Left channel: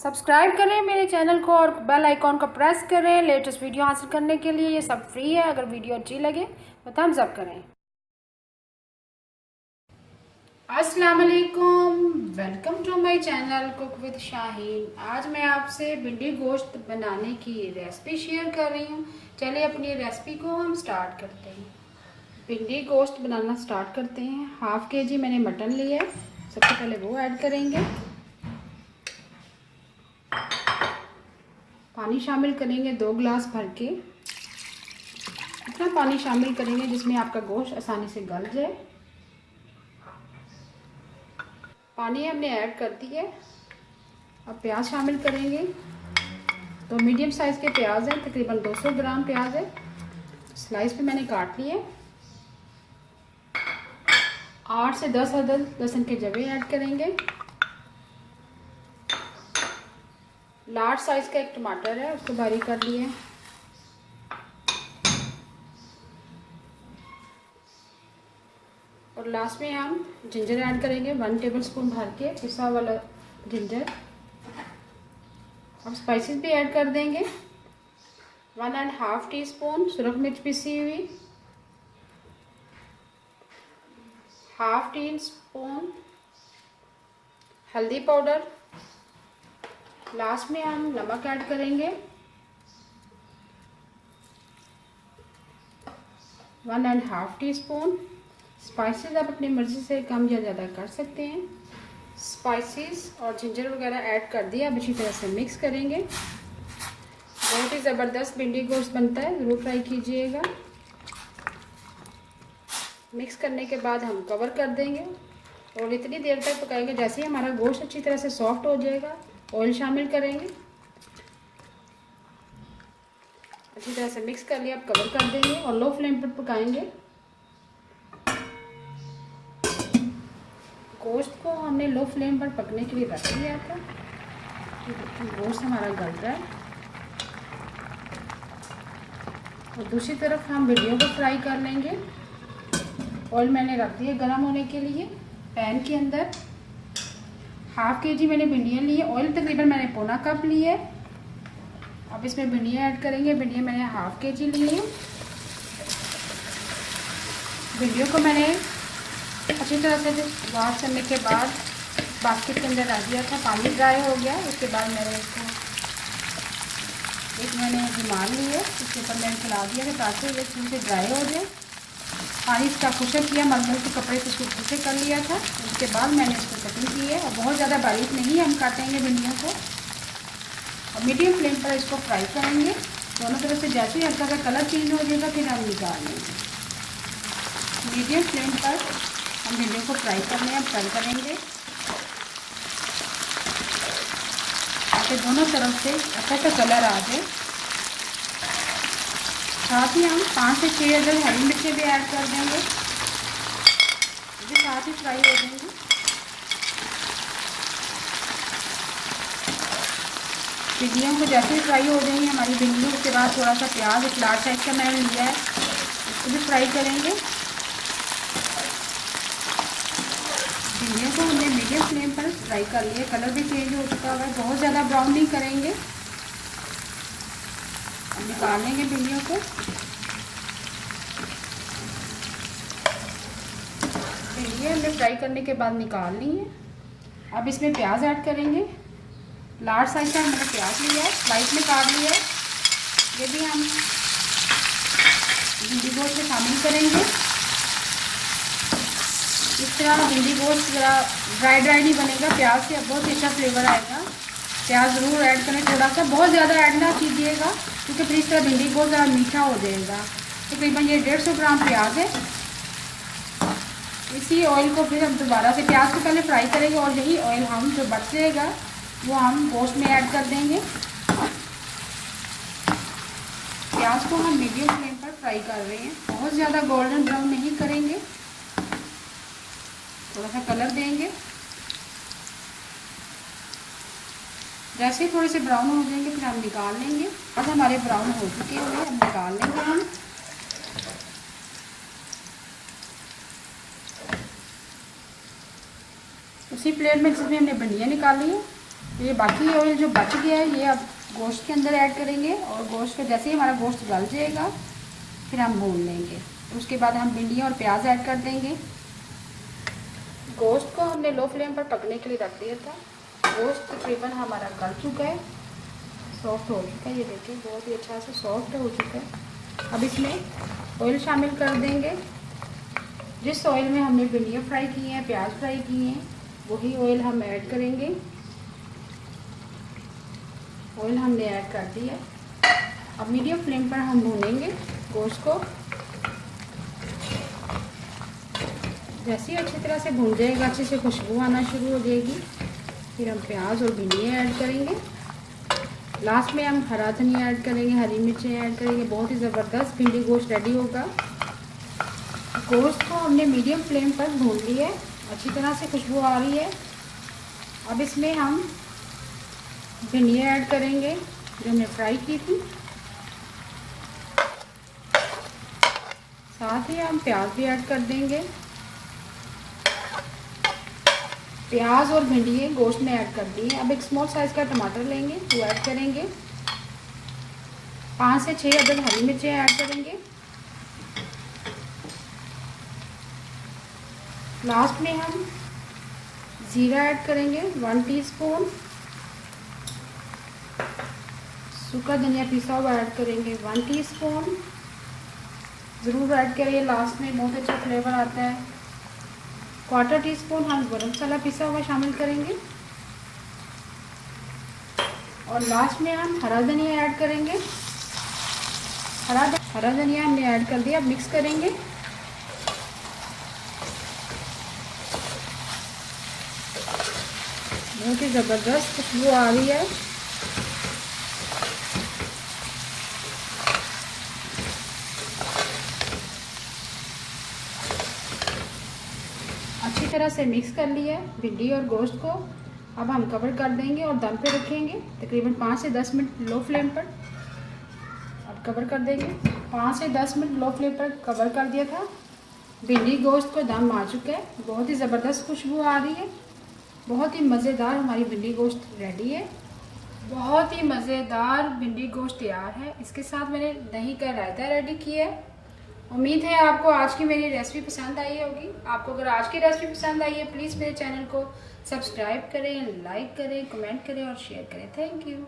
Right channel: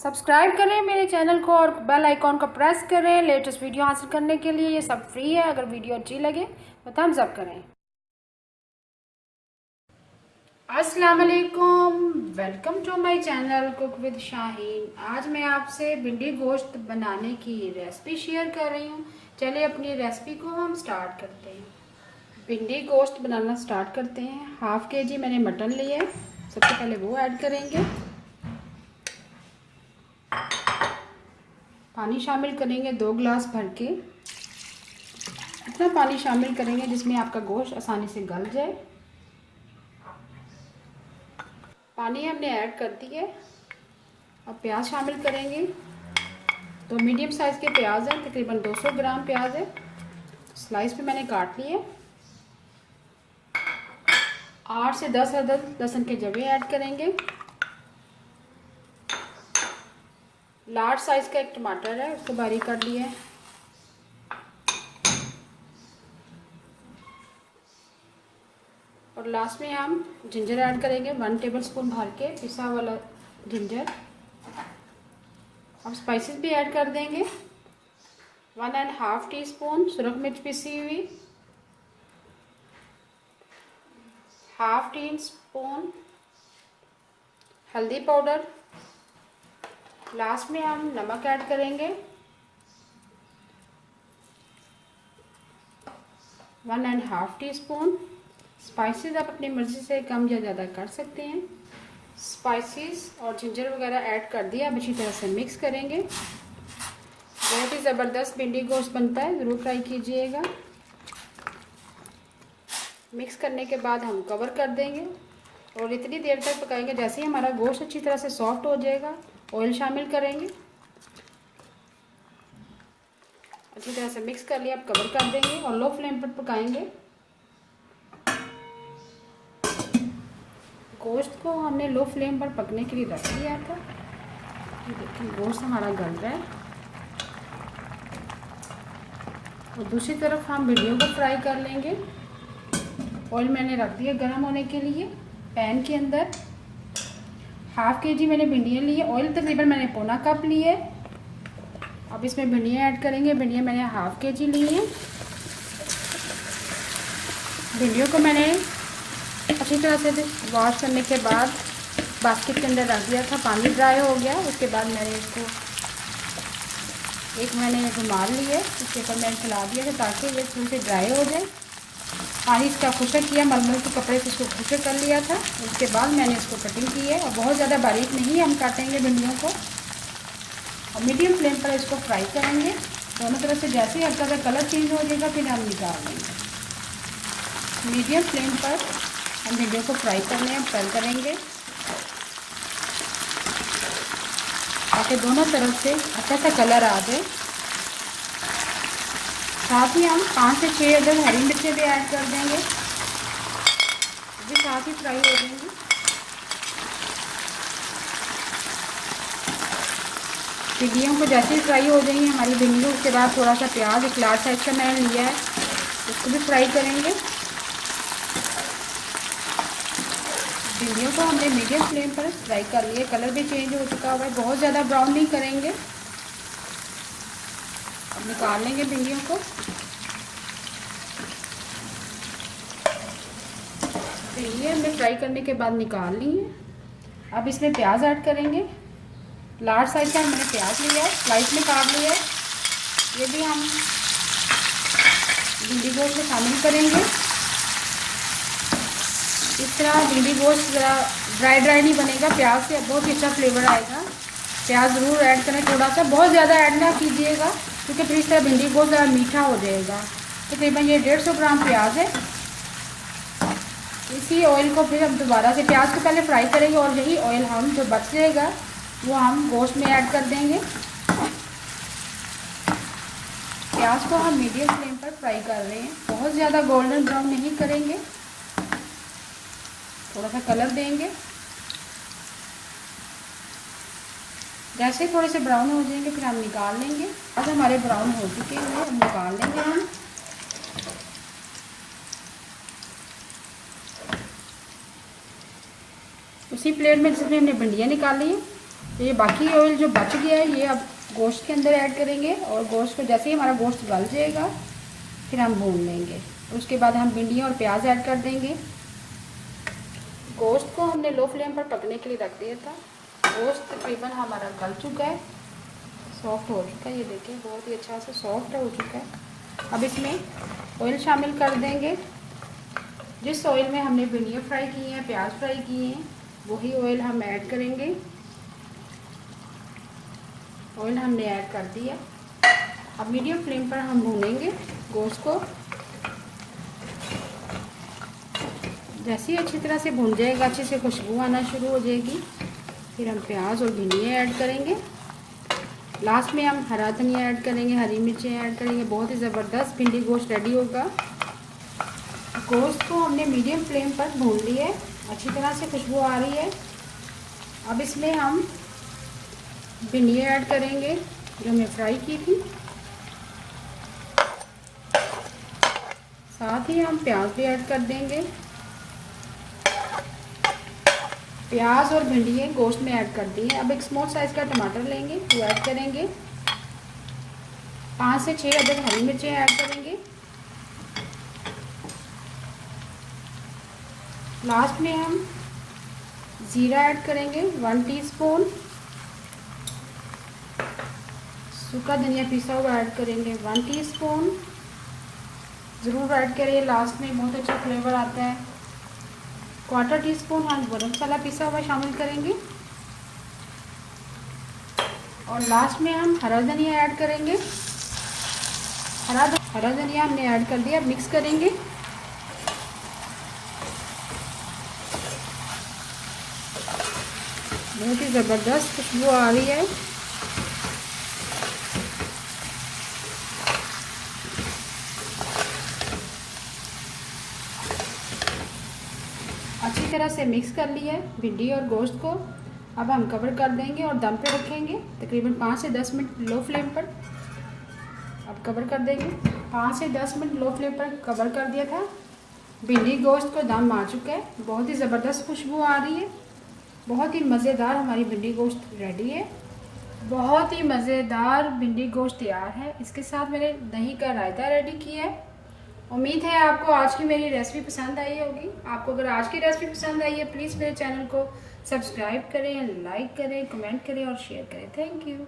Subscribe करें मेरे channel को और बेल आइकॉन को प्रेस करें लेटेस्ट वीडियो हासिल करने के लिए। ये सब फ्री है। अगर वीडियो अच्छी लगे तो थम्स अप करें। अस्सलाम वालेकुम, welcome to my channel cook with Shaheen. आज मैं आपसे भिंडी गोश्त बनाने की रेसिपी शेयर कर रही हूँ। चलिए अपनी रेसिपी को हम स्टार्ट करते हैं। भिंडी गोश्त बनाना स्टार्ट करते हैं। हाफ के जी मैंने मटन लिया है। सबसे पहले वो ऐड करेंगे। पानी शामिल करेंगे 2 गिलास भर के। इतना पानी शामिल करेंगे जिसमें आपका गोश्त आसानी से गल जाए। पानी हमने ऐड कर दिया। अब प्याज शामिल करेंगे। तो मीडियम साइज़ के प्याज हैं, तकरीबन 200 ग्राम प्याज है। स्लाइस पे मैंने काट लिए। 8 से 10 अदद लहसुन के जवे ऐड करेंगे। लार्ज साइज का एक टमाटर है, उसको बारीक कर लिया है। और लास्ट में हम जिंजर ऐड करेंगे, 1 टेबलस्पून भर के पिसा वाला जिंजर। अब स्पाइसेस भी ऐड कर देंगे। 1.5 टीस्पून सुरख मिर्च पिसी हुई, 1/2 टीस्पून हल्दी पाउडर। लास्ट में हम नमक ऐड करेंगे, 1.5 टीस्पून। स्पाइसेस आप अपनी मर्ज़ी से कम या ज़्यादा कर सकते हैं। स्पाइसेस और जिंजर वगैरह ऐड कर दिया। अब इसी तरह से मिक्स करेंगे। बहुत ही ज़बरदस्त भिंडी गोश्त बनता है, ज़रूर ट्राई कीजिएगा। मिक्स करने के बाद हम कवर कर देंगे और इतनी देर तक पकाएंगे जैसे ही हमारा गोश्त अच्छी तरह से सॉफ्ट हो जाएगा। ऑयल शामिल करेंगे, अच्छी तरह से मिक्स कर लिया। अब कवर कर देंगे और लो फ्लेम पर पकाएंगे। गोश्त को हमने लो फ्लेम पर पकने के लिए रख दिया था। ये देखिए गोश्त हमारा गल रहा है। और दूसरी तरफ हम भिंडियों को फ्राई कर लेंगे। ऑयल मैंने रख दिया गर्म होने के लिए पैन के अंदर। 1/2 kg मैंने भिंडियाँ ली है। ऑयल तकरीबन मैंने पौना कप ली है। अब इसमें भिंडियाँ ऐड करेंगे। भिंडियाँ मैंने 1/2 kg ली हैं। भिंडियों को मैंने अच्छी तरह से वॉश करने के बाद बास्केट के अंदर रख दिया था। पानी ड्राई हो गया। उसके बाद मैंने इसको मैंने रुमाल लिया, उसके ऊपर मैंने फैला दिया था ताकि ये थोड़ी से ड्राई हो जाए। पानी इसका खुशक किया, मलमल के कपड़े से इसको खुशक कर लिया था। उसके बाद मैंने इसको कटिंग की है। और बहुत ज़्यादा बारीक नहीं हम काटेंगे भिंडियों को। और मीडियम फ्लेम पर इसको फ्राई करेंगे दोनों तरफ से। जैसे ही हल्का सा कलर चेंज हो जाएगा फिर हम निकाल लेंगे। मीडियम फ्लेम पर हम भिंडियों को फ्राई करने हैं, फ्राई करेंगे ताकि दोनों तरफ से अच्छा सा कलर आ जाए। साथ ही हम 5 से 6 अदद हरी मिर्चें भी ऐड कर देंगे, भी साथ ही फ्राई हो जाएंगी। भिंडियों को जैसे ही फ्राई हो जाएंगी हमारी भिंडियों, उसके बाद थोड़ा सा प्याज एक लार्ज साइज का मैंने लिया है, उसको भी फ्राई करेंगे। भिंडियों को हमने मीडियम फ्लेम पर फ्राई कर लिया। कलर भी चेंज हो चुका हुआ है, बहुत ज़्यादा ब्राउन नहीं करेंगे। अब निकाल लेंगे भिंडियों को। भिंडियाँ हमने फ्राई करने के बाद निकाल ली है। अब इसमें प्याज ऐड करेंगे। लार्ज साइज का मैंने प्याज लिया है, स्लाइस में काट लिया है। ये भी हम भिंडी गोश्त में शामिल करेंगे। इस तरह भिंडी गोश्त ज़रा ड्राई नहीं बनेगा, प्याज से बहुत अच्छा फ्लेवर आएगा। प्याज ज़रूर ऐड करें थोड़ा सा, बहुत ज़्यादा ऐड ना कीजिएगा क्योंकि फिर इस तरह भिंडी गोश्त ज़रा मीठा हो जाएगा। तकरीबन ये 150 ग्राम प्याज है। इसी ऑयल को फिर हम दोबारा से प्याज को पहले फ्राई करेंगे और यही ऑयल हम जो बच जाएगा वो हम गोश्त में ऐड कर देंगे। प्याज को हम मीडियम फ्लेम पर फ्राई कर रहे हैं, बहुत ज़्यादा गोल्डन ब्राउन नहीं करेंगे, थोड़ा सा कलर देंगे। जैसे ही थोड़े से ब्राउन हो जाएंगे फिर हम निकाल लेंगे। आज हमारे ब्राउन हो चुके हैं, हम निकाल लेंगे। हम उसी प्लेट में जिसमें हमने भिंडियाँ निकाली है ये बाकी ऑयल जो बच गया है ये अब गोश्त के अंदर ऐड करेंगे और गोश्त को जैसे ही हमारा गोश्त गल जाएगा फिर हम भून लेंगे। उसके बाद हम भिंडियाँ और प्याज ऐड कर देंगे। गोश्त को हमने लो फ्लेम पर पकने के लिए रख दिया था। गोश्त तकरीबन हमारा गल चुका है, सॉफ्ट हो चुका है। ये देखिए बहुत ही अच्छा से सॉफ्ट हो चुका है। अब इसमें ऑयल शामिल कर देंगे। जिस ऑयल में हमने भिंडियाँ फ्राई की हैं, प्याज फ्राई किए हैं, वही ऑयल हम ऐड करेंगे। ऑयल हमने ऐड कर दिया। अब मीडियम फ्लेम पर हम भूनेंगे गोश्त को। जैसे ही अच्छी तरह से भून जाएगा, अच्छे से खुशबू आना शुरू हो जाएगी, फिर हम प्याज और भिंडियाँ ऐड करेंगे। लास्ट में हम हरा धनिया ऐड करेंगे, हरी मिर्चें ऐड करेंगे। बहुत ही ज़बरदस्त भिंडी गोश्त रेडी होगा। गोश्त को हमने मीडियम फ्लेम पर भून लिया है, अच्छी तरह से खुशबू आ रही है। अब इसमें हम भिंडियाँ ऐड करेंगे जो हमने फ्राई की थी। साथ ही हम प्याज भी ऐड कर देंगे। प्याज और भिंडियाँ गोश्त में ऐड कर दी है। अब एक स्मॉल साइज़ का टमाटर लेंगे, वो ऐड करेंगे। 5 से 6 अदद हरी मिर्चें ऐड करेंगे। लास्ट में हम ज़ीरा ऐड करेंगे 1 टीस्पून। सूखा धनिया पिसा हुआ ऐड करेंगे 1 टीस्पून। ज़रूर ऐड करिए, लास्ट में बहुत अच्छा फ्लेवर आता है। 1/4 टीस्पून हम गरम मसाला पिसा हुआ शामिल करेंगे। और लास्ट में हम हरा धनिया ऐड करेंगे। हरा धनिया हमने ऐड कर दिया। मिक्स करेंगे। बहुत ही ज़बरदस्त खुशबू आ रही है। अच्छी तरह से मिक्स कर लिया है भिंडी और गोश्त को। अब हम कवर कर देंगे और दम पे रखेंगे तकरीबन 5 से 10 मिनट लो फ्लेम पर। अब कवर कर देंगे। 5 से 10 मिनट लो फ्लेम पर कवर कर दिया था। भिंडी गोश्त को दम आ चुका है। बहुत ही ज़बरदस्त खुशबू आ रही है। बहुत ही मज़ेदार हमारी भिंडी गोश्त रेडी है। बहुत ही मज़ेदार भिंडी गोश्त तैयार है। इसके साथ मैंने दही का रायता रेडी किया है। उम्मीद है आपको आज की मेरी रेसिपी पसंद आई होगी। आपको अगर आज की रेसिपी पसंद आई है, प्लीज़ मेरे चैनल को सब्सक्राइब करें, लाइक करें, कमेंट करें और शेयर करें। Thank you.